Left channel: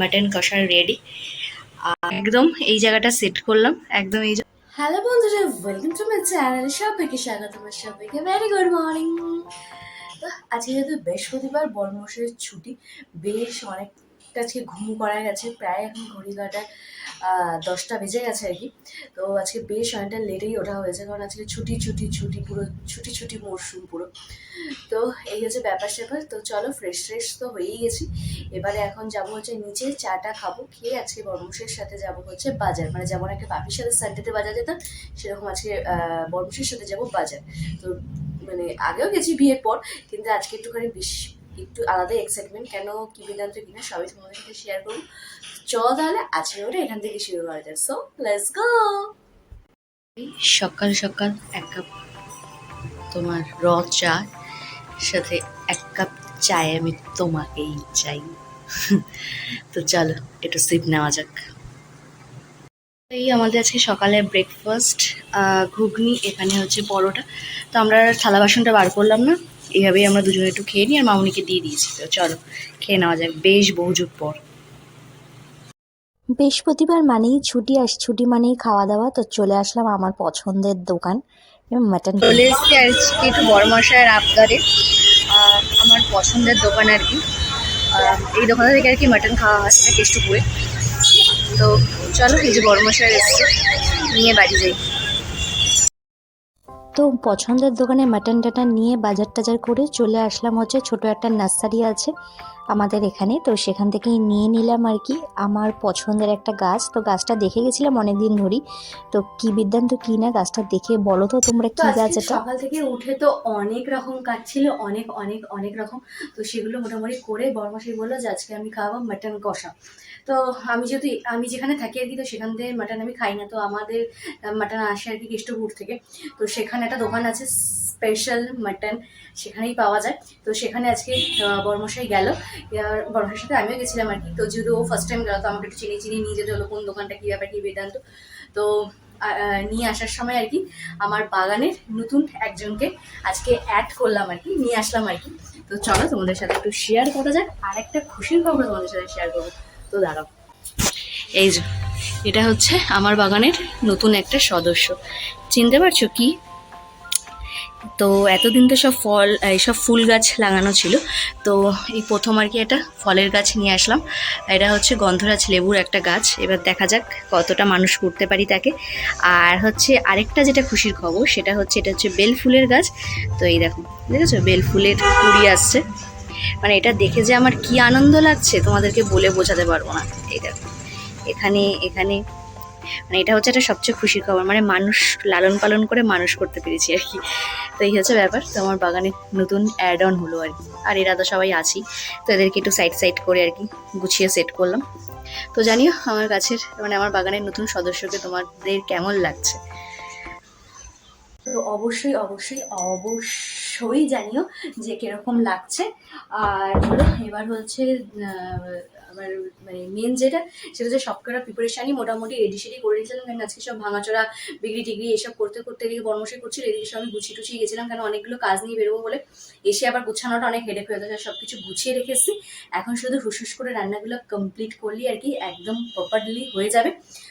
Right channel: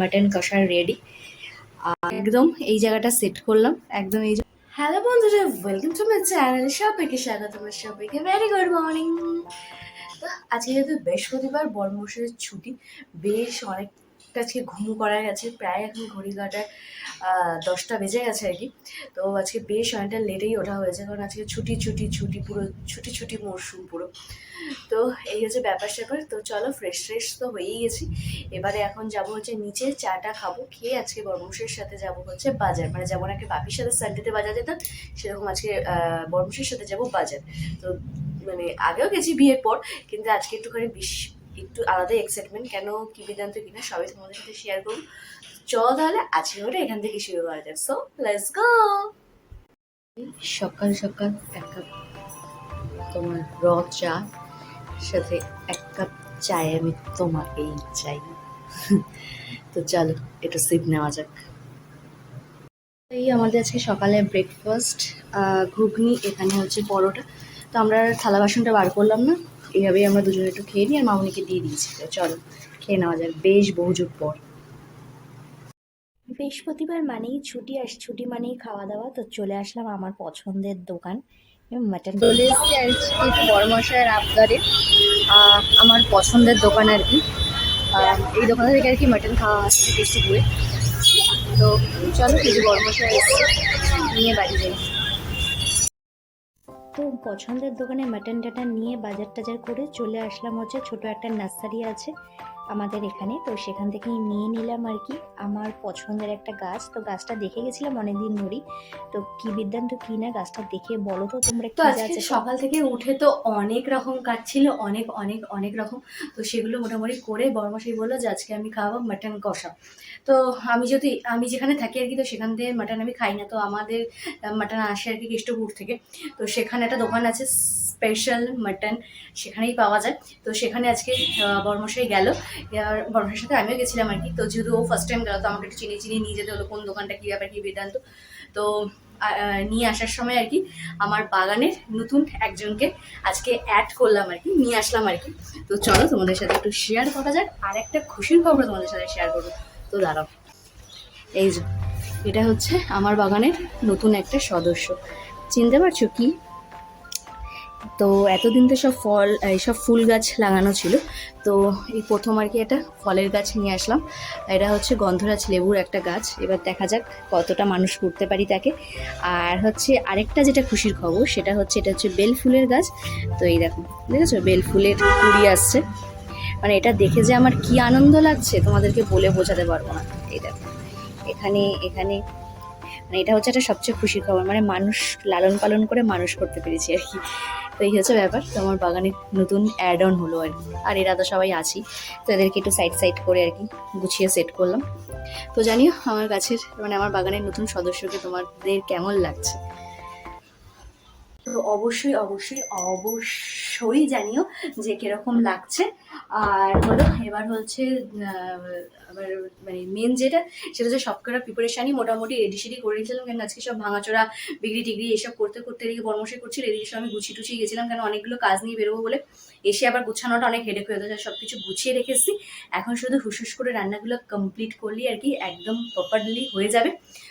Mutton কষা ready একদম এই জায়গাটা সেট করলাম। একদম এই হ্যালো বন্ধুরা ওয়েলকাম টু মাই চ্যানেল সবাইকে স্বাগত, আমার সবাইকে ভেরি গুড মর্নিং আজকে যেহেতু বৃহস্পতিবার বর্মশের ছুটি, বেশ অনেকটা আজকে ঘুম করা গেছে, প্রায় এখন ঘড়ি কাটার দশটা বেজে গেছে আর কি। তো আজকে বেশ অনেকটা লেটেই ওঠা হয়েছে, কারণ আজকে ছুটি ছুটি ছুটি, পুরো ছুটি ছুটি মরশুম পুরো। তো এই হচ্ছে ব্যাপার স্যাপার, তো চলো ফ্রেশ ফ্রেশ তো হয়েই গেছি। এবারে এখন যাব হচ্ছে নিচে চাটা খাব, খেয়ে আজকে বর্মশের সাথে যাব হচ্ছে বাজার। মানে যেমন একটা পাপির সাথে সানডেতে বাজার যেতাম, সেরকম আজকে বর্মশের সাথে যাব বাজার। তো মানে আগেও গেছি বিয়ের পর, কিন্তু আজকে একটুখানি বেশ একটু আলাদা এক্সাইটমেন্ট কেন কি বেদান্ত কিনা সবই তোমাদের সাথে শেয়ার করব। চ তাহলে আজকে ওটা এখান থেকে শুরু করা যাক। সো লেটস গো সকাল সকাল এক কাপ তোমার র চা, সাথে এক কাপ চায় আমি তোমাকেই চাই। তো চলো, একটু সিপ নেওয়া যাক। এই আমাদের আজকে সকালে ব্রেকফাস্ট ঘুগনি, এখানে হচ্ছে পরোটা। তো আমরা থালা বাসনটা বার করলাম না এইভাবেই আমরা দুজনে একটু খেয়ে নিই আর মামনিকে দিয়ে দিয়েছি। তো চলো খেয়ে নেওয়া যাক বেশ বহু যুগ পর। বৃহস্পতিবার মানেই ছুটি আস ছুটি মানেই খাওয়া দাওয়া তো চলে আসলাম আমার পছন্দের দোকান মাটন চলে এসেছি আর কি একটু বড় মশাইয়ের আবদারে আমার পছন্দের দোকান আর কি। এই দোকান থেকে আর কি মাটন খাওয়া হচ্ছে কেষ্টপুরে তো চলো এই যে বড় মশাই এসছে নিয়ে বাড়ি যাই। তো পছন্দের দোকানে মাটন টাটন নিয়ে বাজার টাজার করে চলে আসলাম হচ্ছে ছোট একটা নার্সারি আছে। আমাদের এখানে। তো সেখান থেকেই নিয়ে নিলাম আর কি। আমার পছন্দের একটা গাছ। তো গাছটা দেখে গেছিলাম অনেকদিন ধরেই। তো কি বিদ্যান্ত কি না গাছটা দেখে বলো তো তোমরা কি গাছ এটা? সকাল থেকে উঠে তো অনেক রকম কাজ ছিল অনেক অনেক অনেক রকম। তো সেগুলো মোটামুটি করে বড়মাসি বলল যে আজকে আমি খাওয়াবো মাটন কষা। তো আমি যেহেতু আমি যেখানে থাকি আর কি তো সেখান থেকে মাটন আমি খাই না। তো আমাদের মাটন আসে আর কি কৃষ্ণপুর থেকে। তো সেখানে একটা দোকান আছে স্পেশাল মাটন সেখানেই পাওয়া যায়। তো সেখানে আজকে বর্মশাই গেল। বর্মশাইয়ের সাথে আমিও গেছিলাম আর কি। তো যেহেতু ও ফার্স্ট টাইম গেল, তো আমাকে একটু চিনি চিনি নিয়ে যেতে হলো, কোন দোকানটা কী ব্যাপার, কী বেদান্ত। তো নিয়ে আসার সময় আর কি, আমার বাগানের নতুন একজনকে আজকে অ্যাড করলাম আর কি, নিয়ে আসলাম আর কি। তো চলো তোমাদের সাথে একটু শেয়ার করা যাক, আর একটা খুশির খবর তোমাদের সাথে শেয়ার করব। তো দাঁড়াও। এই যে, এটা হচ্ছে আমার বাগানের নতুন একটা সদস্য। চিনতে পারছ কি? তো এতদিন তো সব ফল এইসব ফুল গাছ লাগানো ছিল। তো এই প্রথম আর কি একটা ফলের গাছ নিয়ে আসলাম। এটা হচ্ছে গন্ধরাজ লেবুর একটা গাছ। এবার দেখা যাক কতটা মানুষ করতে পারি তাকে। আর হচ্ছে আরেকটা যেটা খুশির খবর, সেটা হচ্ছে এটা হচ্ছে বেল ফুলের গাছ। তো এই দেখো, দেখেছ? বেল ফুলের কুড়ি আসছে। মানে এটা দেখে যে আমার কি আনন্দ লাগছে, তোমাদেরকে বলে বোঝাতে পারব না। এই দেখো, এখানে এখানে মানে এটা হচ্ছে একটা সবচেয়ে খুশির খবর। মানে মানুষ লালন পালন করে মানুষ করতে পেরেছি আর কি। তো এই হচ্ছে ব্যাপার। তো আমার বাগানে নতুন অ্যাড অন হলো আর কি। আর এরা তো সবাই আছি। তো এদেরকে একটু সাইড সাইড করে আর কি গুছিয়ে সেট করলাম। তো জানিও, আমার গাছের মানে আমার বাগানের নতুন সদস্যকে তোমাদের কেমন লাগছে? তো অবশ্যই অবশ্যই অবশ্যই জানিও যে কীরকম লাগছে। আর হলো, এবার হচ্ছে আমার মানে মেন যেটা, সেটা হচ্ছে সবকটা প্রিপারেশানই মোটামুটি রেডি সেডি করে রেখেছিলাম। কারণ আজকে সব ভাঙাচোরা, বিক্রি টিগ্রি এসব করতে করতে এদিকে বর্মশাই করছিল এদিকে সব আমি গুছিয়ে টুছিয়ে গেছিলাম। কারণ অনেকগুলো কাজ নিয়ে বেরোবো বলে এসে আবার গুছানোটা অনেক হেডেক হয়ে যাচ্ছে সব কিছু গুছিয়ে রেখেছি এখন শুধু হুসুস করে রান্নাগুলো কমপ্লিট করলেই আর কি একদম প্রপারলি হয়ে যাবে।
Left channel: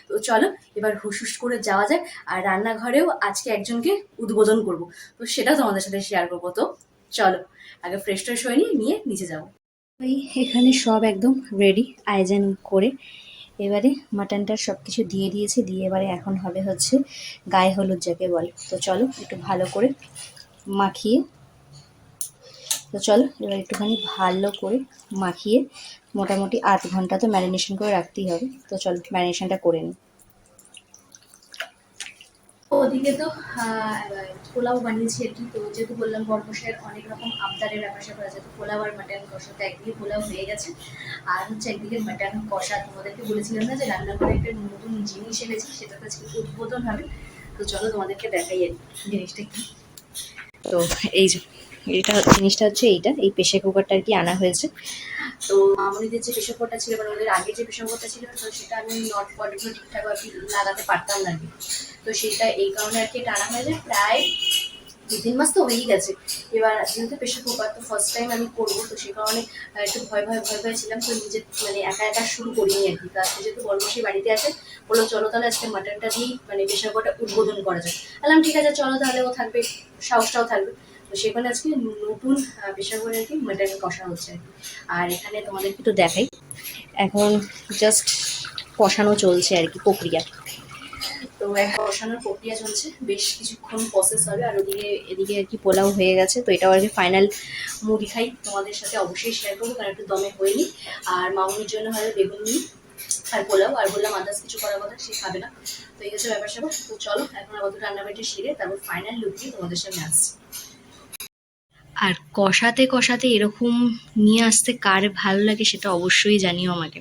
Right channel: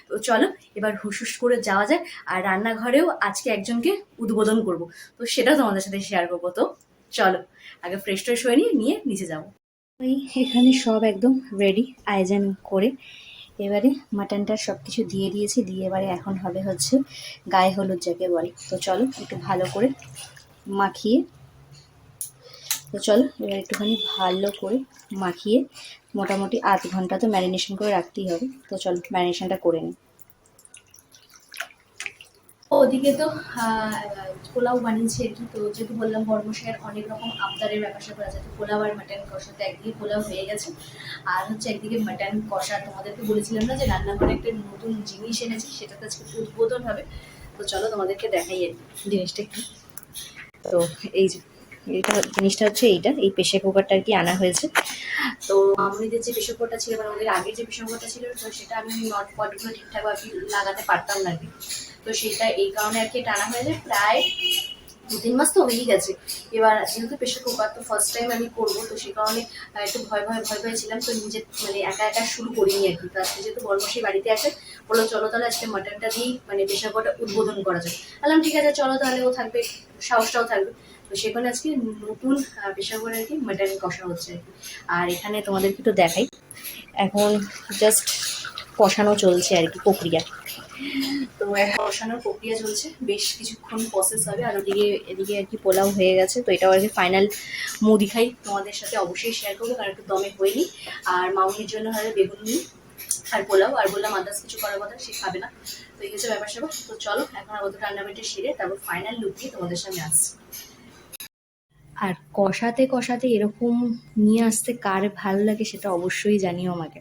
তো চলো, এবার হুসুস করে যাওয়া যায় আর রান্নাঘরেও আজকে একজনকে উদ্বোধন করব। তো সেটা তোমাদের সাথে শেয়ার করব। তো চলো, আগে ফ্রেশ ট্রেশ হয়ে নিয়ে নিয়ে নিচে যাব। ওই এখানে সব একদম রেডি আয়োজন করে। এবারে মাটনটা সব কিছু দিয়ে দিয়েছি, দিয়ে এবারে এখন হবে হচ্ছে গায়ে হলুদ যাকে বলে। তো চলো একটু ভালো করে মাখিয়ে, তো চলো এবার একটুখানি ভালো করে মাখিয়ে, মোটামুটি আধ ঘণ্টা তো ম্যারিনেশন করে রাখতেই হবে। তো চলো ম্যারিনেশনটা করে নিই। ওদিকে তো পোলাও বানিয়েছি আর কি তো যেহেতু বললাম বর্মশের অনেক রকম আবদারের ব্যাপার স্যাপার আছে তো পোলাও আর মাটন কষাতে একদিকে পোলাও হয়ে গেছে, আর হচ্ছে একদিকে মাটন কষা। তোমাদেরকে বলেছিলাম না যে রান্নাঘরে একটা নতুন জিনিস এনেছি, সেটা তো আজকে উদ্বোধন হবে। তো চলো তোমাদেরকে দেখাই জিনিসটা কি তো এই যে এটা জিনিসটা হচ্ছে এইটা, এই প্রেশার কুকারটা আর কি আনা হয়েছে। তো মামুনিদের যে প্রেশার কুকারটা ছিল মানে ওদের আগের যে প্রেশার কুকারটা ছিল, তো সেটা আমি নট পটগুলো ঠিকঠাক আর কি লাগাতে পারতাম না তো সেটা এই কারণে আর কি এটা আনা হয়েছে। প্রায় দু তিন মাস তো হয়েই গেছে। এবার যেহেতু প্রেশার কুকার তো ফার্স্ট টাইম আমি করব, তো সে কারণে একটু ভয় ভয় ভয় ভয় ছিলাম। তো নিজে মানে একা একা শুরু করিনি আর কি। আজকে যেহেতু বর্মশী বাড়িতে আসেন বলল চলো তাহলে আজকে মাটনটা দিয়েই মানে প্রেশার কুকারটা উদ্বোধন করা যায় বললাম, ঠিক আছে, চলো তাহলে ও থাকবে, সাহসটাও থাকবে। তো সেখানে আজকে নতুন প্রেশার কুকারে আর কি মাটন কষা হচ্ছে আর এখানে তোমাদেরকে একটু দেখাই। এখন জাস্ট কষানো চলছে আর কি প্রক্রিয়া। তো এখন কষানোর প্রক্রিয়া চলছে। বেশ কিছুক্ষণ প্রসেস হবে আর ওদিকে, এদিকে আর কি পোলাও হয়ে গেছে। তো এটাও আর কি ফাইনাল মুদি খাই। তোমাদের সাথে অবশ্যই শেয়ার করব, কারণ একটু দমে হয়নি। আর মামুনির জন্য হয় বেগুন নিই আর পোলাও। আর বললাম আদার্স কিছু করার কথা, সে খাবে না। তো এই হচ্ছে ব্যাপার স্যাপার। তো চলো, এখন আপাতত রান্নাবাটি সেরে তারপর ফাইনাল লুক দিয়ে তোমাদের সামনে আসছি। আর কষাতে কষাতে এরকম নিয়ে আসতে কার ভালো লাগে সেটা অবশ্যই জানিও আমাকে।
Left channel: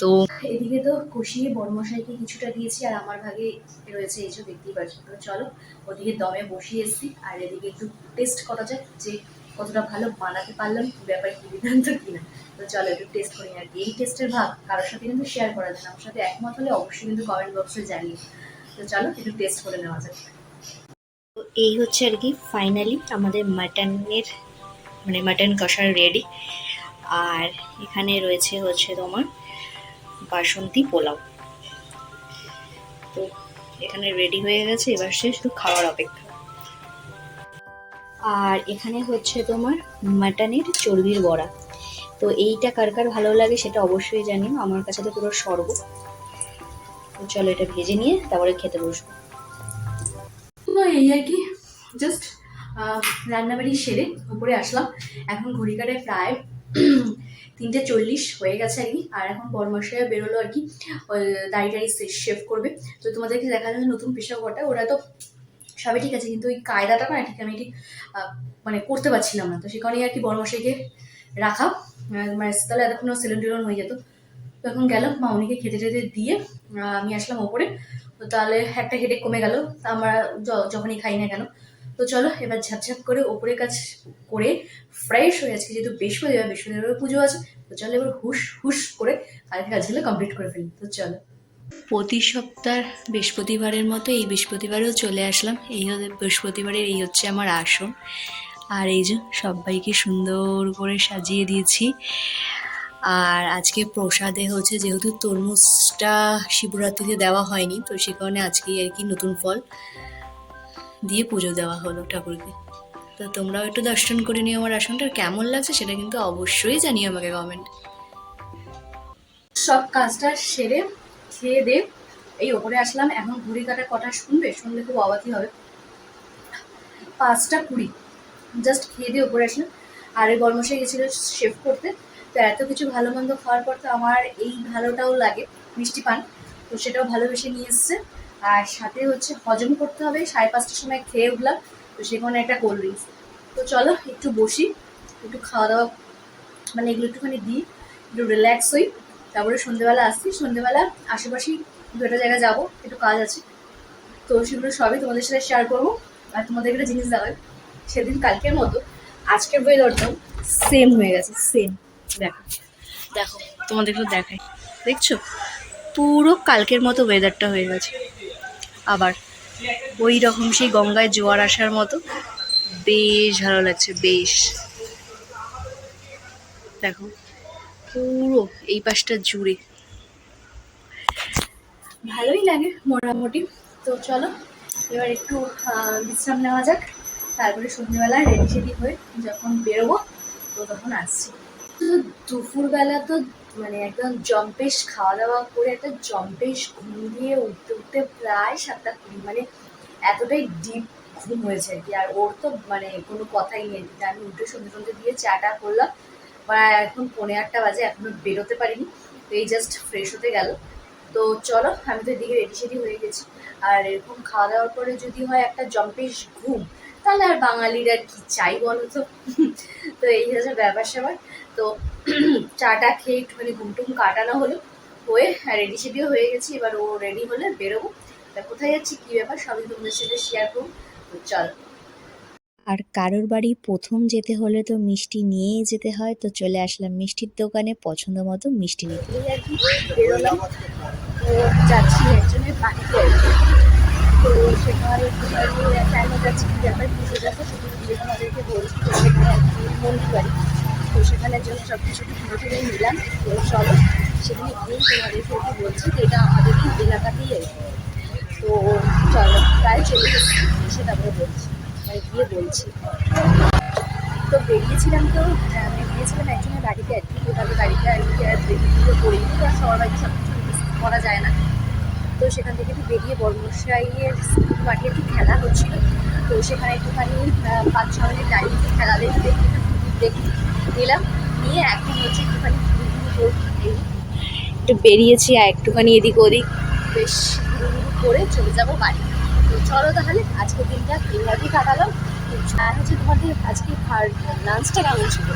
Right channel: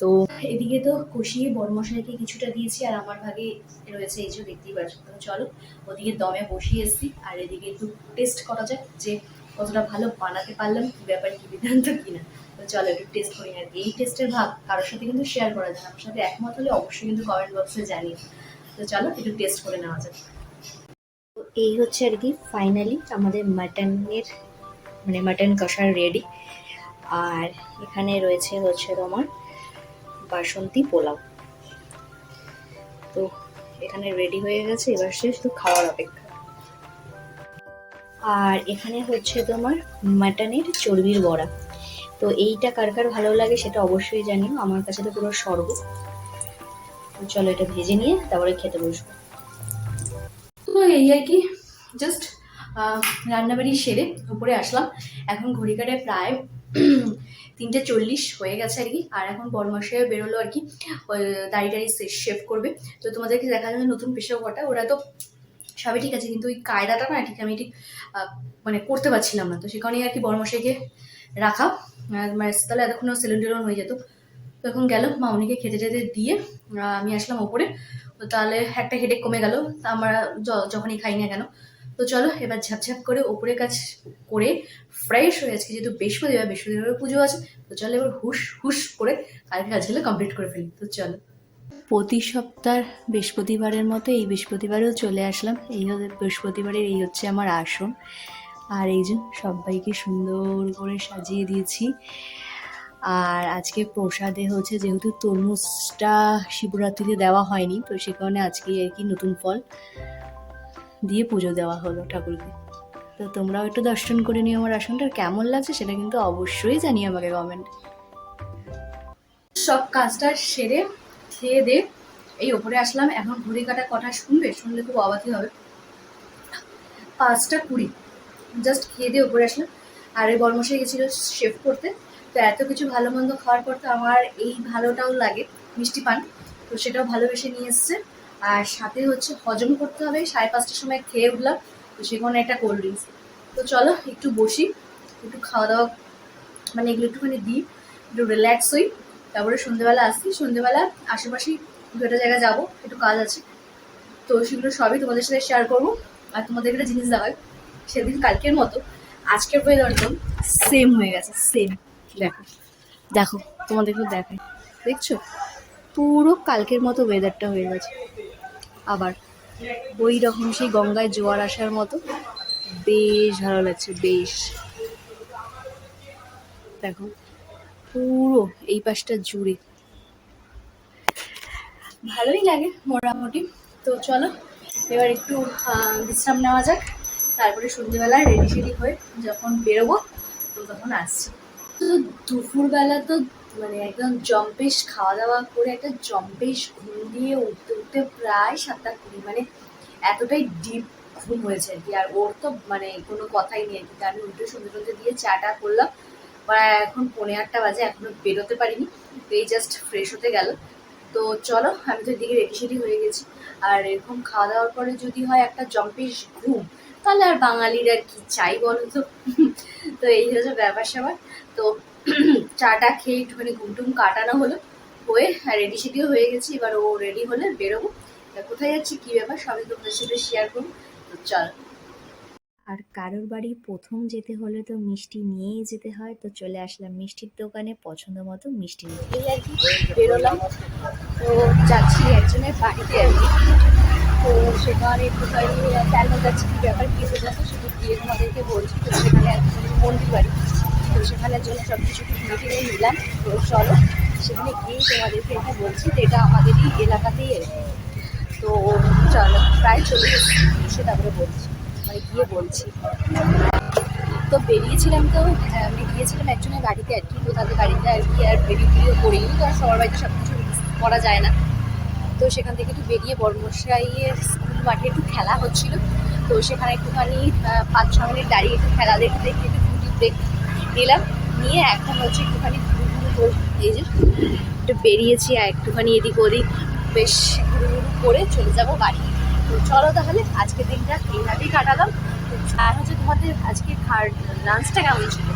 তো এদিকে তো কষিয়ে বড়মশাইকে কিছুটা দিয়েছি আর আমার ভাগে রয়েছে এই যে দেখতেই পাচ্ছ। তো চলো, ওদিকে দমে বসিয়ে এসেছি আর এদিকে একটু টেস্ট করা যাক যে কতটা ভালো বানাতে পারলাম, কি ব্যাপার, কি বিধান্ত কিনা তো চলো একটু টেস্ট করি আর এই টেস্টের ভাগ কারোর সাথে কিন্তু শেয়ার করা যায় আমার সাথে একমত হলে অবশ্যই কিন্তু কমেন্ট বক্সে জানিয়ে তো চলো, একটু টেস্ট করে নেওয়া যাক। তো এই হচ্ছে আর কি ফাইনালি আমাদের মাটনের মানে মাটন কষা রেডি আর এখানে রয়েছে হচ্ছে তোমার বাসন্তী পোলাও। তো এখানে রেডি হয়ে গেছে, এবার সে শুধু খাওয়ার অপেক্ষা। আর এখানে হচ্ছে তোমার মাটনের চর্বির বড়া। তো এইটা কার কার ভালো লাগে সেটা অবশ্যই জানিও, আমার কাছে তো পুরো স্বর্গ। চলো এটা ভেজে নিয়ে তারপরে খেতে বসবো। এই আর কি জাস্ট রান্নাবাড়ি সেরে উপরে আসলাম। এখন ঘড়ি কাটে প্রায় তিনটে চল্লিশ হয়ে গেছে আর কি, আর এখন বরমাসে বেরোলো আর কি দাড়ি টাড়ি শেভ করবে। তো তোমাদেরকে দেখা যাচ্ছে নতুন পেশা কটা ওরা তো সবই ঠিক আছে, কিন্তু ওই কায়দাটা না ঠিক আমি ঠিক মানে করতে পারছিলাম না তো সে কারণেই আর কি বরমাসাইকে রাখা। মানে তাহলে এতক্ষণ সেলুন টেলুন হয়ে যেত। তো এখন গেল মামনিকে খেতে টেতে দিয়ে আমি আসলাম ওপরে। তো তাহলে একটা হেডে কমে গেল, তা আমরা যখনই খাই না কেন, তো চলো এবার ঝাপঝাপ করে ওপরে কাজ করে ফ্রেশ হয়ে আজকে যেহেতু বৃহস্পতিবার বৃহস্পতিবার পুজো আছে, তো চলো এবার হুশ হুশ করে কালকে কাজগুলো কমপ্লিট করে ফেলি, তো চলো। প্রতি সপ্তাহ বৃহস্পতিবারের মতো এই বৃহস্পতিবারেও চলে আসলাম, এই বৃহস্পতিবারের, এই হচ্ছে আমার আসন। আর এই যে সবাইকে সুন্দর করে সাজিয়ে দিয়েছি আর আজকে প্রসাদে হচ্ছে যেহেতু তরমুজটা শিবরাত্রিতে দেওয়া হয়নি, তো সে কারণে আজকে আর কি নতুন ফল দিয়ে পুজো দেওয়া হলো ঠাকুরকে। তো তোমরাও একটু দর্শন করে নিও আমার আসনটা কেমন লাগছে সেটা কিন্তু অবশ্যই জানিও আমাকে কমেন্ট সব কাজটা সেরে খেয়ে দিয়ে এই ওপরে আসলাম, এখন ঘড়ি কাটা কটা শুনবে? শুনলে খুব অবাকি হবে। পাঁচটা কুড়ি জাস্ট খেয়ে দিয়ে ওপরে আসলাম। আর এই বর্মশাই গেছিল শেভ করতে। তো এত কিছু ভালো মন্দ খাওয়ার পর তো আমার এই ভালোটাও লাগে, মিষ্টি পান। তো সেটাও ভালোবেসে নিয়ে এসছে। আর সাথে হচ্ছে হজম করতে হবে, সাড়ে পাঁচটার সময় খেয়ে উঠলাম, তো সেখানে একটা কোল্ড ড্রিঙ্কস তো চলো, একটু বসি, একটু খাওয়া দাওয়া মানে এগুলো একটুখানি দিই, একটু রিল্যাক্স হই, তারপরে সন্ধ্যেবেলা আসছি সন্ধ্যেবেলা আশেপাশেই দু একটা জায়গায় যাব, একটু কাজ আছে। তো সেগুলো সবই তোমাদের সাথে শেয়ার করব, আর তোমাদের একটা জিনিস দেখাই, সেদিন কালকের মতো, আজকের ওয়েদারটাও সেম হয়ে গেছে সেম দেখো দেখো তোমাদের একটু দেখাই। দেখছ? পুরো কালকের মতো ওয়েদারটা হয়ে গেছে। আবার ওই রকম সেই গঙ্গায় জোয়ার আসার মতো, বেশ ভালো লাগছে, বেশ। দেখো, পুরো এই পাশটা জুড়ে। ভালোই লাগে মোটামুটি। তো চলো, এবার একটু বিশ্রাম নেওয়া যাক। তারপরে সন্ধ্যেবেলা রেডি সেডি হয়ে যখন বেরোবো, তো তখন আসছি। তো দুপুরবেলা তো মানে একদম জম্পেশ খাওয়া দাওয়া করে একটা জম্পেশ ঘুম দিয়ে উঠতে উঠতে প্রায় সাতটা কুড়ি মানে এতটাই ডিপ ঘুম হয়েছে আর কি। আর ওর তো মানে কোনো কথাই নেই। আমি উঠে সন্ধ্যে সন্ধ্যে দিয়ে চাটা করলাম। প্রায় এখন পৌনে আটটা বাজে, এখনও বেরোতে পারিনি। তো এই জাস্ট ফ্রেশ হতে গেল। তো চলো, আমি তো এদিকে রেডি সেডি হয়ে গেছি। আর এরকম খাওয়া দাওয়ার পরে যদি হয় একটা জম্পেশ ঘুম আর বাঙালির আর কি চাই বলো তো? তো এই হচ্ছে ব্যাপার স্যাপার। তো চাটা খেয়ে একটুখানি ঘুম টুম কাটানো হলো হয়ে রেডি সেডিও হয়ে গেছি এবার ও রেডি হলে বেরোবো। তা কোথায় যাচ্ছি কী ব্যাপার সবই তোমাদের সাথে শেয়ার করব। তো চল। আর কারোর বাড়ি প্রথম যেতে হলে তো মিষ্টি নিয়েই যেতে হয় তো চলে আসলাম মিষ্টির দোকানে পছন্দ মতো মিষ্টি নিতে। যাচ্ছি একজনের বাড়িতে। তো সেখানে একটু কি ব্যাপার, কি দেখো সেখানে গিয়ে তোমাদেরকে বলছি সেখানে মন্দির বাড়ি তো সেখানের জন্য সব কিছু কিনে নিলাম। তো চলো, সেখানে গিয়েই তোমাদেরকে একটু বলছি যে এটা আমাদের এই এলাকাতেই তো চলো, প্রায় চলে এসে তারপরে বলছি মানে গিয়ে বলছি। তো বেরিয়েছিলাম তো বেরিয়েছিলাম একজনের গাড়িতে আর কি তাদের গাড়িটা আর কি আর বেরিয়ে করিনি তো আর সবার বাড়িতে সব কিছু করা যায় না। তো সেখান থেকে বেরিয়ে বর্মশাইয়ের স্কুল মাঠে একটু খেলা হচ্ছিল। তো সেখানে একটুখানি পাঁচ ছ মিনিট দাঁড়িয়ে একটু খেলা দেখে দেখে নিলাম নিয়ে এখন হচ্ছে একটুখানি এই যে একটু বেরিয়েছি আর একটুখানি এদিক ওদিক। বেশ করে চলে যাব বাড়ি। চলো তাহলে, আজকের দিনটা এইভাবেই কাটালাম। আর হচ্ছে তোমাদের আজকে লাঞ্চটা কেমন ছিল?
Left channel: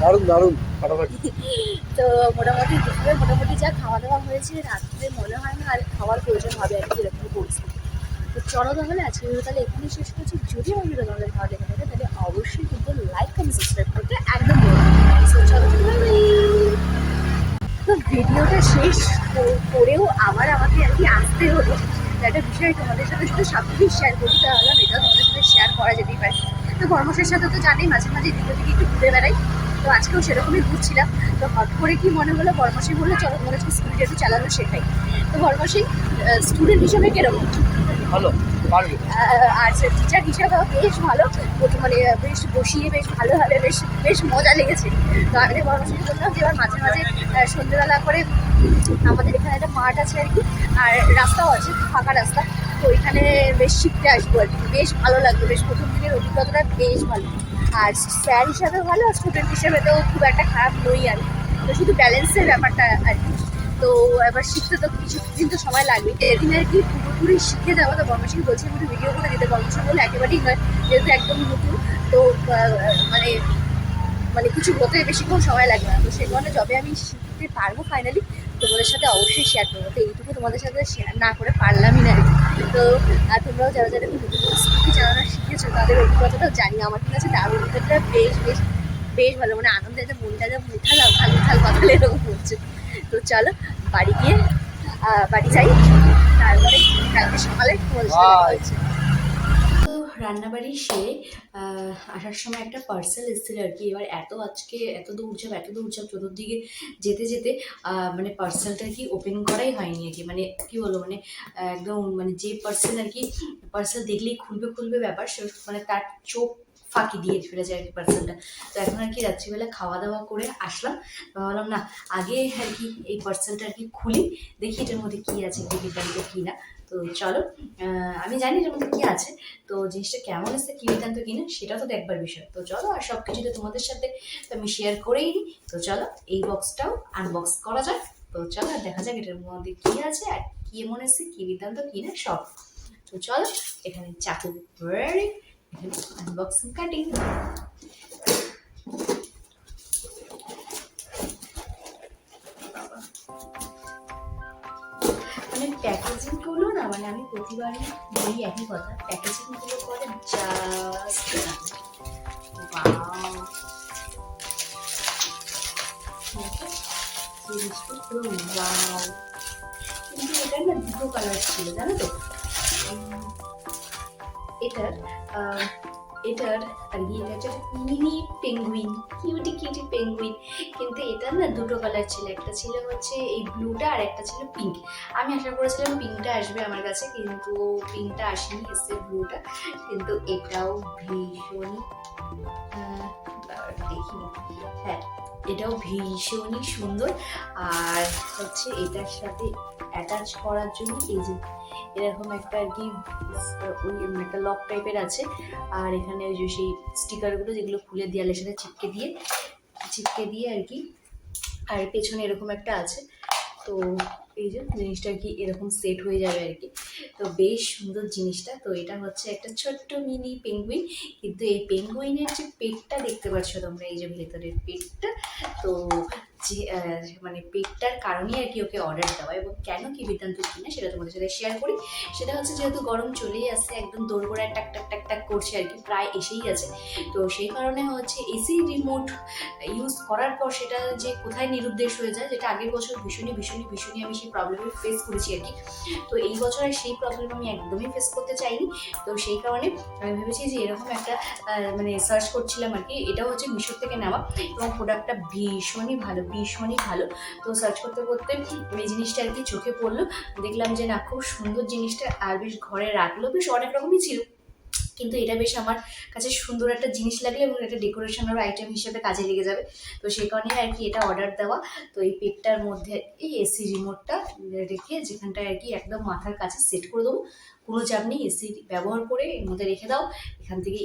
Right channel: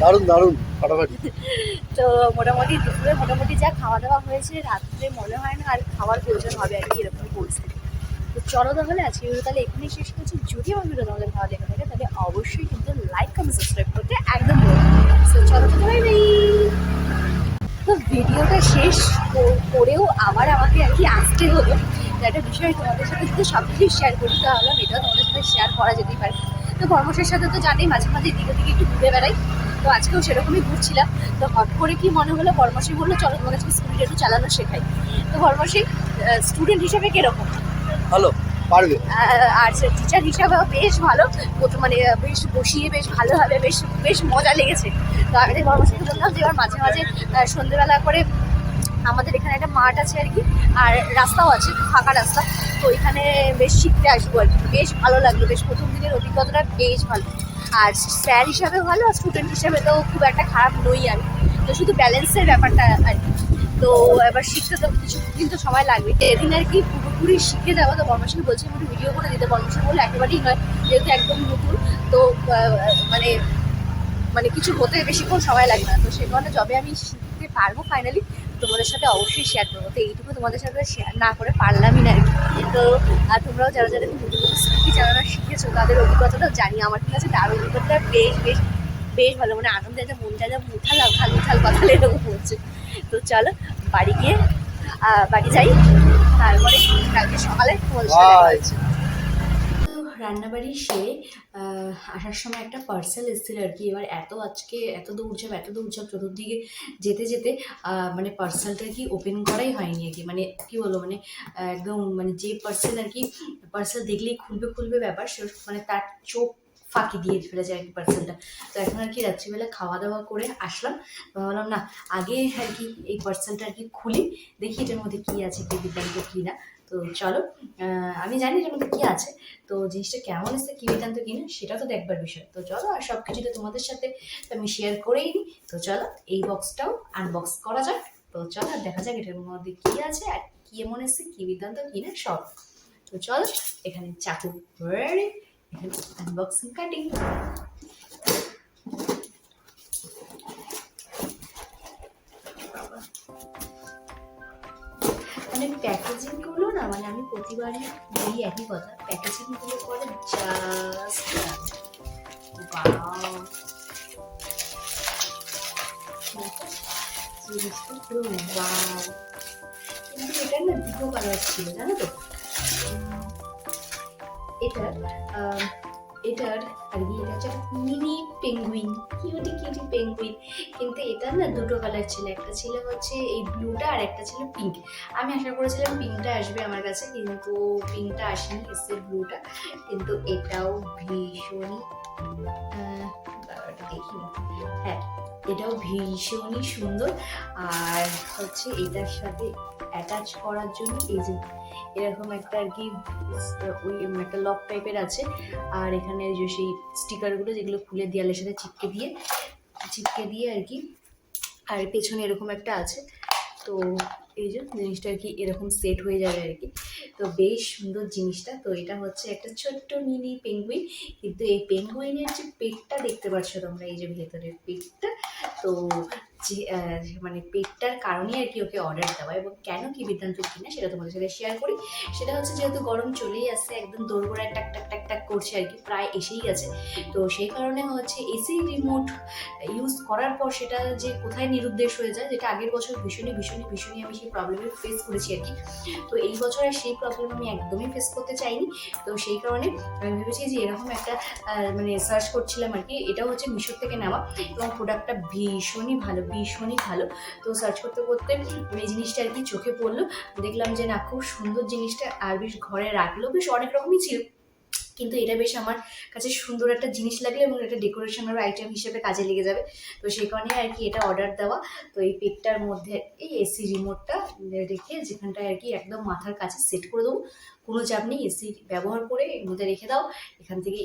দারুণ দারুণ। তো মোটামুটি দুপুরে মোটামুটি যা খাওয়া দাওয়া হয়েছে, রাত্রে মনে হয় না আর খাওয়ার প্রয়োজন হবে আর কি এরকম পরিস্থিতি তো চলো তাহলে আজকে ভিডিও তাহলে এখানেই শেষ করছি। যদি আমার ভিডিও তোমাদের ভালো লেগে থাকে তাহলে অবশ্যই কিন্তু লাইক কমেন্ট সাবস্ক্রাইব করতে একদম চলো বাই বাই তো ভিডিওটা শেষ করেও আবার আমাকে আর কি আসতে হলো। একটা বিষয় তোমাদের সাথে যদি সব কিছুই শেয়ার করি, তাহলে এটা তোমাদের সাথে শেয়ার করা যেতেই পারে। তো কর্মশের সাথে তো জানি মাঝে মাঝে এদিকে ওদিকে একটু ঘুরে বেড়াই। তো আজকেও সেরকমই ঘুরছিলাম। তো হট করে কি মনে হলো? বর্মশী বলল চলো তোমাদের আজকে স্কুলটা একটু চালানো শেখাই। তো বর্মশী স্টুডেন্ট হিসেবে কীরকম? ভালো পারবে। আর টিচার হিসাবেও বেশ ভালো। মানে বেশ বসিয়ে বেশ ভালোভাবে বেশ বেশ মজা লেগেছে। তো আমি বর্মশীকে বললাম যে এবার মাঝে মাঝে সন্ধ্যেবেলা করে আমাদের এখানে একটা মাঠ আছে আর কি আর রাস্তাও আছে ফাঁকা রাস্তা। তো এখানে বেশ শিখতে আসব আর কি। বেশ ভালো লাগল বেশ প্রথম দিকের অভিজ্ঞতাটা বেশ ভালো। আর স্যার হিসাবে ভালো, আর স্টুডেন্ট হিসাবে তো খুব একটা খারাপ নই আমি তো শুধু ব্যালেন্সের ব্যাপারটা আর কি। তো এবার শিখতে তো কিছু দিন তো সময় লাগবে। এদিন আর কি পুরোপুরি শিখে দেওয়া, তো বর্মশীকে বলছে একটু ভিডিও করে দিতে বর্মশী বলে একবারই নয়, যেহেতু একদম নতুন, তো মানে মানে কিছু হতে বেশিক্ষণ সময় লাগবে না। তো সেই কারণে যবে আমি শিখতে পারব ফাইনালি তোমাদের সাথে অবশ্যই শেয়ার করব। তো এইটুকু তোমাদের সাথে শেয়ার না করে পারলামই না তো, আর তোমরাও যারা যারা তাদের অভিজ্ঞতাটাও জানি। আমার ঠিক আছে তার অভিজ্ঞতাটা বেশ বেশ বেশ ভালো মানে আনন্দে একটা মনটা যা মুঠাল খালি উঠাল কথা এরকম হচ্ছে। তো চলো বাড়ি গিয়ে বাড়ি যাই। তারপরে কালকে সকালে রান্নাবাড়ি সে আসার সময় একটা পার্সেল এসেছিল আর কি। এবার এত আজকে এত দৌড়ঝাপ এত দৌড়ঝাপ চতুর্দিকে যেতে যেতে মানে পার্সেলটা কি ওপেন করাই হয়নি আর কি। মানে কি বলব মানে একদম মানে যে পার্সেল আর কি পার্সেল দেখলেই খুলবে খুলবে ব্যাপার। সে মানে তার চোখ ফাঁকি দিয়ে ফেলেছে আর কি পার্সেলটা তো এখন আর কি রাত্রিবেলা খাওয়া দাওয়া করে আসলাম। ভাবলাম, না, আগে আর কি এই পার্সেলটা আর কি খুলি, দেখি এটার মধ্যে কী আছে বিজ্ঞানিত কী না। তো চলো আমি জানি এর মধ্যে কী আছে। তো জিনিসটা কেমন এসছে, কী বিধান্ত কিনা সেটা তো দেখবার বিষয়। তো চলো, আর সব কিছুটা তোমাদের সাথে আমি শেয়ার করেই নিই তো চলো, এই বক্সটাও আনবক্স করা যাক। তো চলো, আর দেখা যাক এটার মধ্যে কী আছে, আর কী এমন এসছে, কী বিধান্ত কিনা সব। তো চলো, এখানে চাকু আনবক্সিং কাটিং আমি প্যাকেজিংগুলো না? মানে আমি প্রতিবারই বলি একই কথা প্যাকেজিংগুলো করে জাস্ট জিনিসটা পুরো ওয়াও কিন্তু কালার ছিল জানো তো? উম, এটার আর এটা হচ্ছে mini penguin cutie cutie penguin কিন্তু এটার না দুটো কালার ছিল, একটা ছিল হচ্ছে এই ব্লুটা আর একটা ছিল পিঙ্ক আমি আশা করেছিলাম পিঙ্কটা আসবে আমার কাছে, কিন্তু পিঙ্কটা আসেনি, এসছে ব্লুটা কিন্তু এটাও ভীষণই দেখিনি। হ্যাঁ। এটাও ভীষণই সুন্দর। আর হচ্ছে এটার সাথে অ্যাটাচ করার জন্য এই যে এরকম একটা আর কি ওই একটা লক টাইপের আছে। আর এখানে ওই যে সেই স্টিকারগুলো যেগুলো ফুলের দেওয়ালের সাথে চিপকে দিয়ে চিপকে দিয়ে আর কি। আর পেছনে এরকম একটা আছে। তো এই যে জিনিসটা কি এরকম সেট হয়ে যাবে আর কি। তো বেশ সুন্দর জিনিসটা। তো এটা হচ্ছে একটা ছোট্ট মিনি পেঙ্গুইন কিন্তু এই পেঙ্গুইনের যে পেটটা দেখতে পাচ্ছ তোমরা, এই যে ভেতরের পেটটা, তো যে মানে পেটটার কারণে আর কি ওকে অর্ডার দেওয়া এবং কেন কি বৃত্তান্ত কিনা সেটা তোমাদের সাথে শেয়ার করি। সেটা হচ্ছে যেহেতু গরম চলেই আসছে, একদম দোরগোড়ায় টাক টাক টাক টাক করছে আর কি, প্রায় এসেই গেছে তো সেই কারণে হচ্ছে এসি রিমোট ইউজ করার পর সেটা যে কোথায় নিরুদ্দেশ হয়ে যায়, যেটা আগের বছর ভীষণই ভীষণই ভীষণই আমি সেই প্রবলেমের ফেস করেছি আর কি। তো এই বছর আর সেই প্রবলেম আমি একদমই ফেস করতে চাইনি। তো সেই কারণে আমি ভেবেছি যে এরকম একটা মানে সার্চ করছিলাম আর কি এটা হচ্ছে মিশোর থেকে নেওয়া এবং প্রোডাক্টটা ভীষণই ভালো ভীষণই ভালো। তো সার্চ করতে করতে এই জিনিসটা আর কি চোখে পড়ল। দেখলাম যে না, খুব সুন্দর জিনিসটা আর বেশ ঘরে রাখল। বেশ অনেক রকমই ছিল। কিন্তু এটা বেশ আমার কাছে সুন্দর একটা জিনিস লাগে এবং এটা ডেকোরেশনের আইটেম হিসেবে কাজে লেগে যাবে। তো সেই কারণে আর কি এটা অর্ডার দেওয়া। তো এই পেটটার মধ্যে এই এসি রিমোটটা রেখে যেখানটায় আর কি একদম মাথার কাছে সেট করে দেবো। কোনো চাপ নেই এসি ব্যবহার করে এর মধ্যে রেখে দাও। এখান থেকে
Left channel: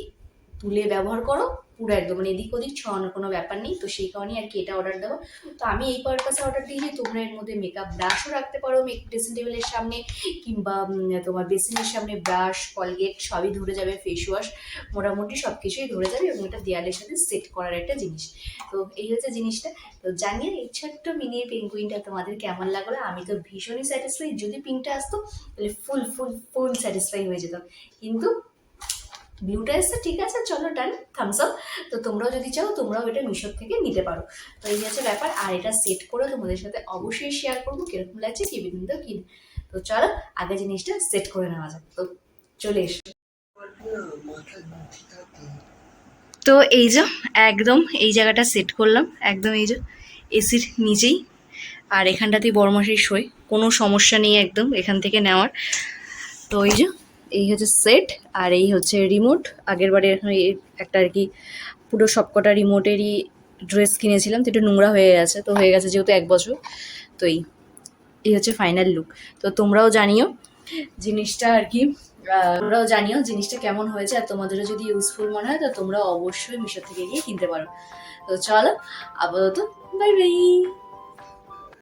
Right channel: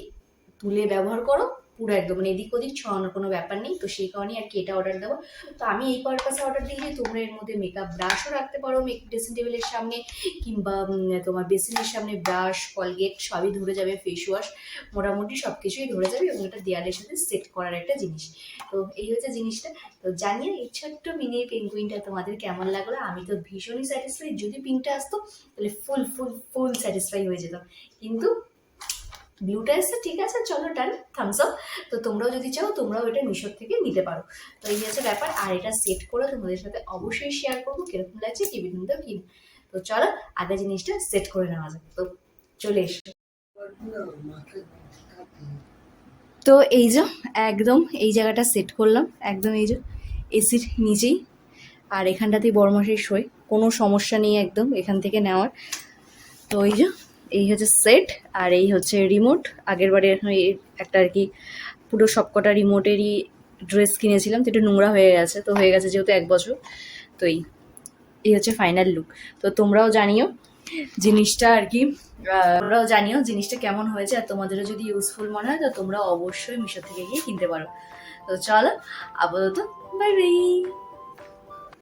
তুলে ব্যবহার করো। পুরো একদম মানে এদিক ওদিক ছড়ানোর কোনো ব্যাপার নেই। তো সেই কারণে আর কি এটা অর্ডার দেবো। তো আমি এই পারপাসে অর্ডার দিই যে তোমরা এর মধ্যে মেকআপ ব্রাশও রাখতে পারো ড্রেসিং টেবিলের সামনে কিংবা তোমার বেসিনের সামনে ব্রাশ কলগেট সবই ধরে যাবে ফেস ওয়াশ মোটামুটি সব কিছুই ধরে যাবে এবং এটা দেয়ালের সাথে সেট করার একটা জিনিস। তো এই হচ্ছে জিনিসটা। তো জানিয়ে এই ছোট্ট মিনি পেঙ্গুইনটা তোমাদের কেমন লাগল? আমি তো ভীষণই স্যাটিসফাই যদি পিঙ্কটা আসতো, তাহলে ফুল ফুল ফুল স্যাটিসফাই হয়ে যেতাম। কিন্তু ভিউটা এসছে, ঠিক আছে, চলো ডান থামস আপ তো তোমরাও যদি চাও, তোমরাও এটা মিশোর থেকে নিতে পারো। তো এই হচ্ছে ব্যাপার, আর এটা সেট করে তোমাদের সাথে অবশ্যই শেয়ার করব, কীরকম লাগছে কি বিন্দু কি তো চলো, আগে জিনিসটা সেট করে নেওয়া যাক। তো চলে এসো। তো এই যে, একদম এই জায়গাটা সেট করলাম, একদম এই যে এসির নিচেই। আর এখানটাতেই বড়মশাই শোয়, কোনো সমস্যা নেই একদম এখান থেকে নেওয়ার। তো এই যে এই হচ্ছে সেট আর এই হচ্ছে রিমোট আগের বারে একটা আর কি পুরো সবকটা রিমোটেরই ড্রেস কিনেছিলাম, তো একটু নোংরা হয়ে গেছে, তো হয়ে গেছে যেহেতু এক বছর, তো এই এই হচ্ছে ফাইনাল লুক তো তোমরাও জানিও জিনিসটা আর কি তোমরাও জানিও জিনিসটা কেমন হয়েছে, আর তোমাদেরও যদি ইউজফুল মনে হয়, তো তোমরা অবশ্যই মিশো থেকে গিয়ে কিনতে পারো। তো চলো, আপাতত বাই বাই